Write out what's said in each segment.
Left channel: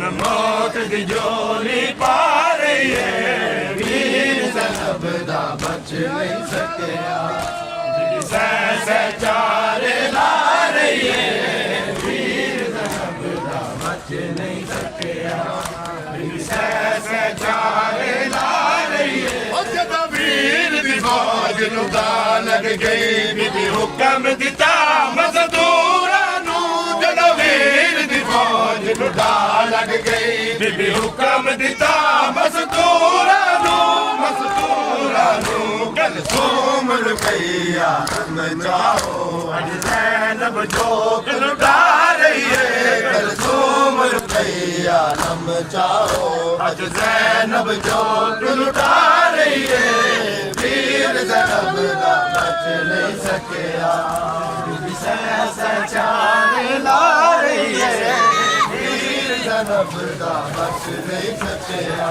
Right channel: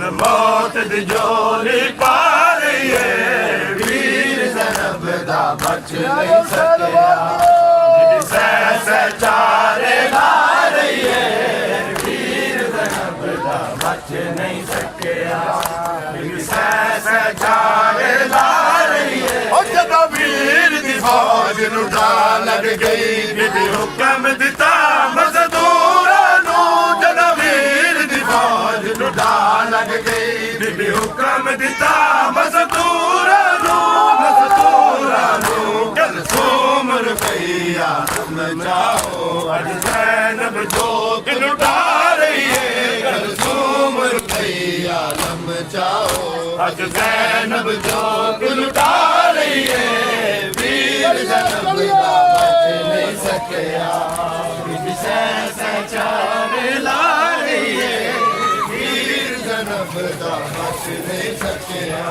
چن موت دی جولی پا رہی ہے ویر زینب دا بچ نہیں سکیا سہ چارے لا رہی ہے ویر زینب دا بچ نہیں سکیا سہ چارے لا رہی ہے اور جب ویر دی فوج لٹا لگ گئی بی بی حکم دتا مزدوراں نو جب ویر دی فوج لٹا لگ گئی بی بی حکم دتا مزدوراں نو کلثوم رقیہ نچاؤ اج زینب جوگ لٹا رہی ہے کلثوم رقیہ نچاؤ اج زینب جوگ لٹا رہی ہے ویر زینب دا بچ نہیں سکیا بی سہ چارے لا رہی ہے ویر زینب دا بچ نہیں سکیا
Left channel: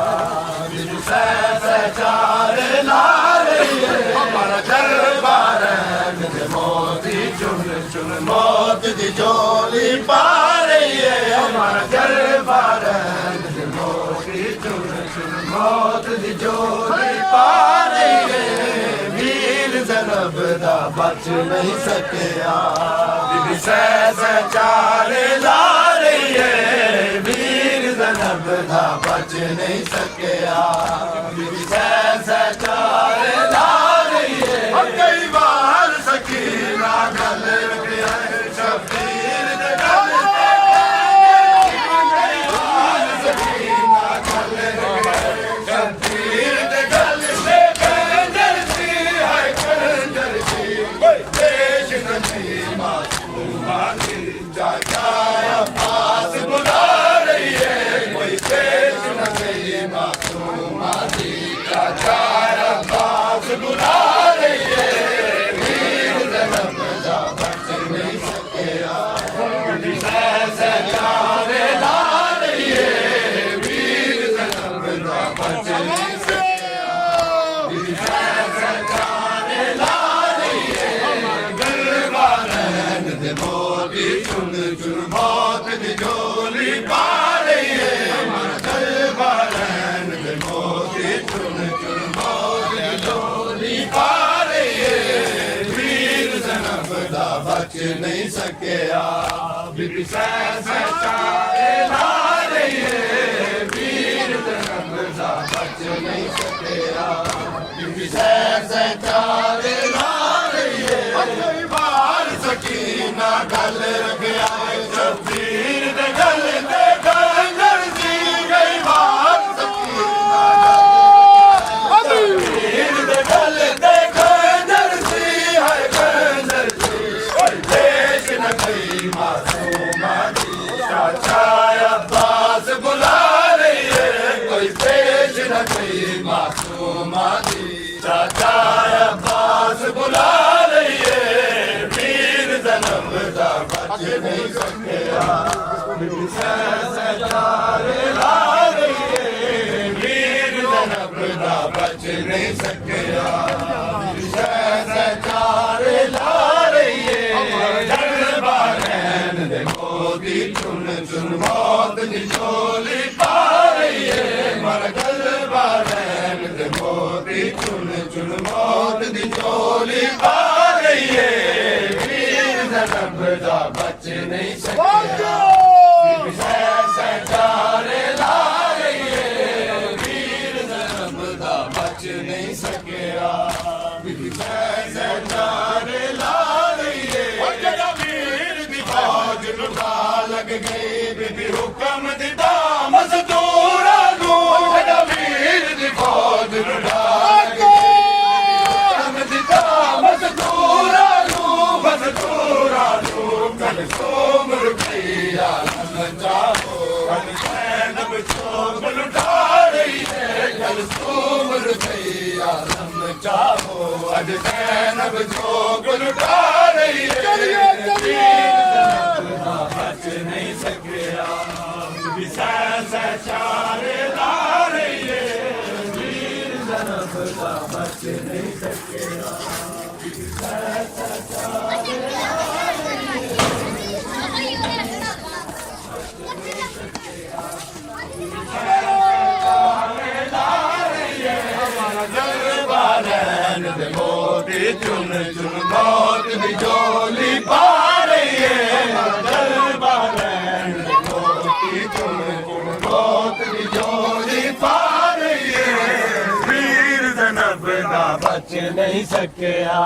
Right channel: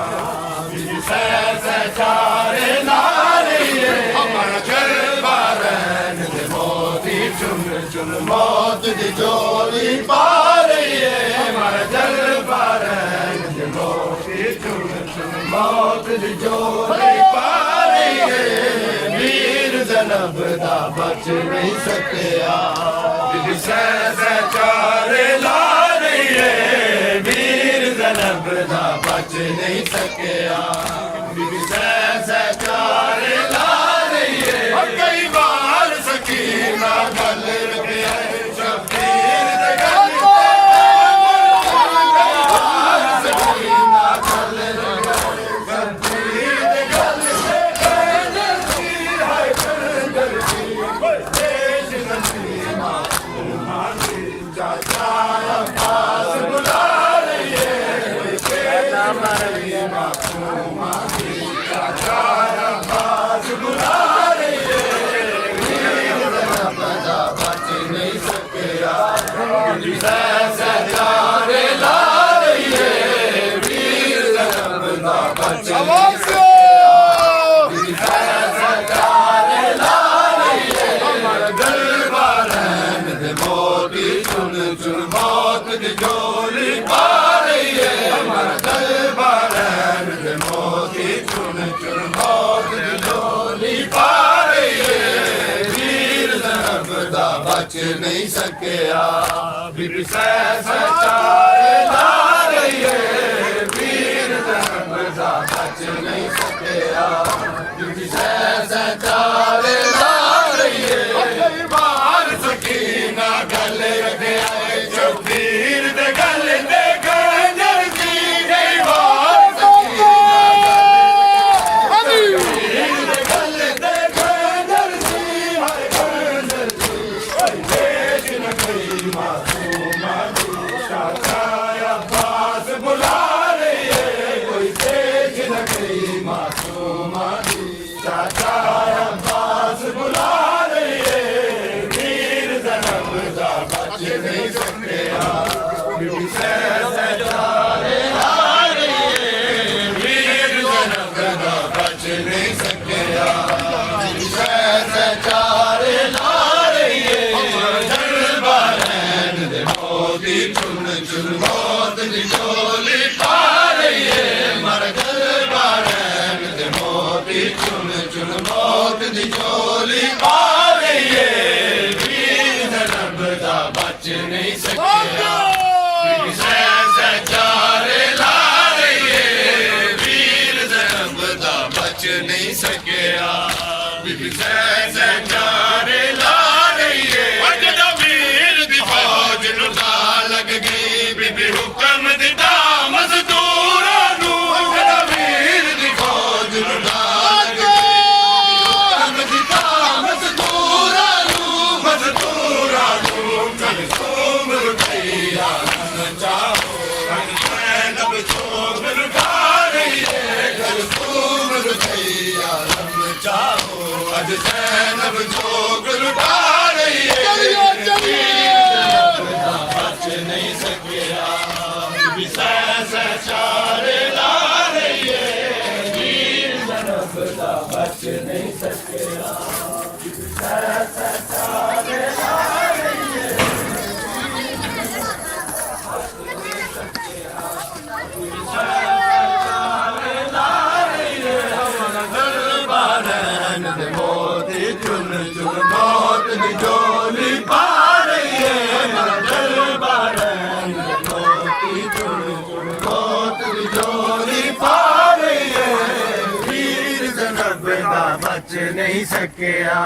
بی سہ چارے لا رہی ہے ہمارا جلوہ رہن دے موتی چن چن موت دی جولی پا رہی ہے ہمارا جلوہ رہن دے موتی چن چن موت دی جولی پا رہی ہے ویر زینب دا بچ نہیں سکیا بی سہ چارے لا رہی ہے ویر زینب دا بچ نہیں سکیا بی سہ چارے لا رہی ہے اور کئی بار سکینہ گل رکھے شبیر دے گل کئی بار سکینہ گل رکھے شبیر دے گل کندر سی ہے کندر سی پیش نسی معصومہ کی چاچا عباس بلا رہی ہے کوئی پیش نسی معصومہ کی چاچا عباس بلا رہی ہے ویر زینب دا بچ نہیں سکیا سہ چارے لا رہی ہے ویر زینب دا بچ نہیں سکیا سہ چارے لا رہی ہے ہمارا گلبہ رہن دے موتی چن چن موت دی جولی پا رہی ہے ہمارا گلبہ رہن دے موتی چن چن موت دی جولی پا رہی ہے ویر زینب دا بچ نہیں سکیا بی سہ چارے لا رہی ہے ویر زینب دا بچ نہیں سکیا بی سہ چارے لا رہی ہے کئی بار سکینہ گل رکھیا شبیر دے گل دے گنجر سی کئی بار سکینہ شبیر دے گل دے گنجر سی ہے گنجر سی پیش نہ گئی معصومہ کی چاچا عباس بلا رہی ہے کوئی پیش نہ گئی معصومہ کی چاچا عباس بلا رہی ہے ویر زینب دا بچ نہیں سکیا بی سہ چارے لا رہی ہے ویر زینب دا بچ نہیں سکیا بی سہ چارے لا رہی ہے ہمارا جلوہ رہن دے موتی چن چن موت دی جولی پا رہی ہے ہمارا جلوہ رہن دے موتی چن چن موت دی جولی پا رہی ہے ویر زینب دا بچ نہیں سکیا بی سہ چارے لا رہی ہے ویر زینب دا بچ نہیں سکیا بی سہ چارے لا رہی ہے اور جب ویر دی فوج لٹا لگ گئی بی بی حکم دتا مزدوراں نو جب ویر دی فوج لٹا لگ گئی حکم دتا مزدوراں نو کلثوم رقیہ نچاؤ اج زینب جوگ لٹا رہی ہے کلثوم رقیہ نچاؤ اج دی جولی پا رہی ہے جلوہ رین موتی چن چن موت دی جولی پا رہی ہے ویر زینب دا بچ نہیں سکیا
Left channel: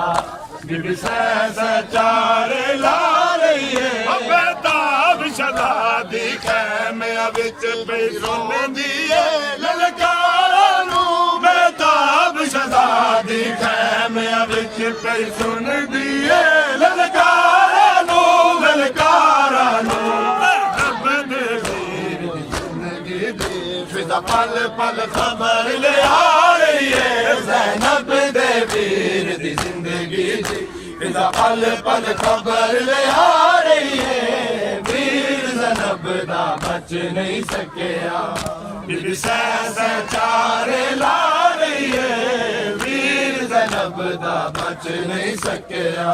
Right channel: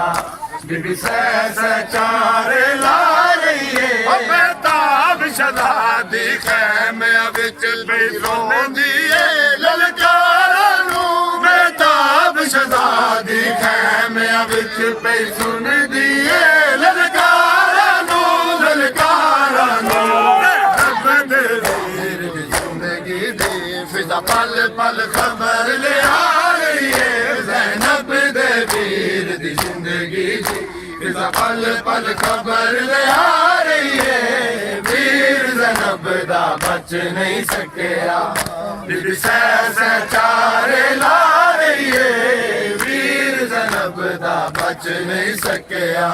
بی بی سہ چارے لا رہی ہے بیتاب شہزادی خیمے وچ پئی روندی ہے للکاراں نوں بیتاب شہزادی خیمے وچ پئی سندی ہے للکاراں نوں للکاراں نوں رب دے ویر دی زندگی دی فضا پل پل خبر لے آ رہی ہے زینب دے ویر دی زندگی دی فضا پل پل خبر لے آ رہی ہے ویر زینب دا بچ نہیں سکیا بی بی سہ چارے لا رہی ہے ویر زینب دا بچ نہیں سکیا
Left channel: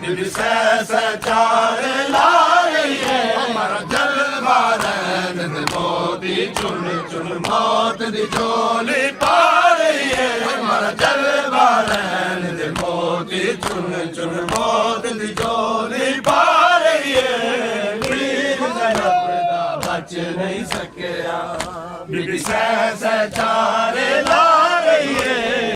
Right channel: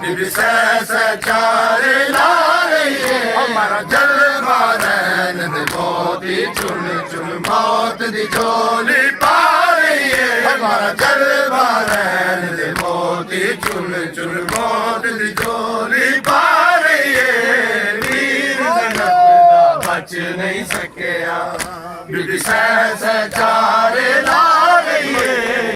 بی بی سہ چارے لا رہی ہے ہمارا جلوہ رین دے موتی چن چن موت دی جولی پا رہی ہے ہمارا جلوہ رین دے موتی چن چن موت دی جولی پا رہی ہے ویر زینب دا بچ نہیں سکیا بی بی سہ چارے لا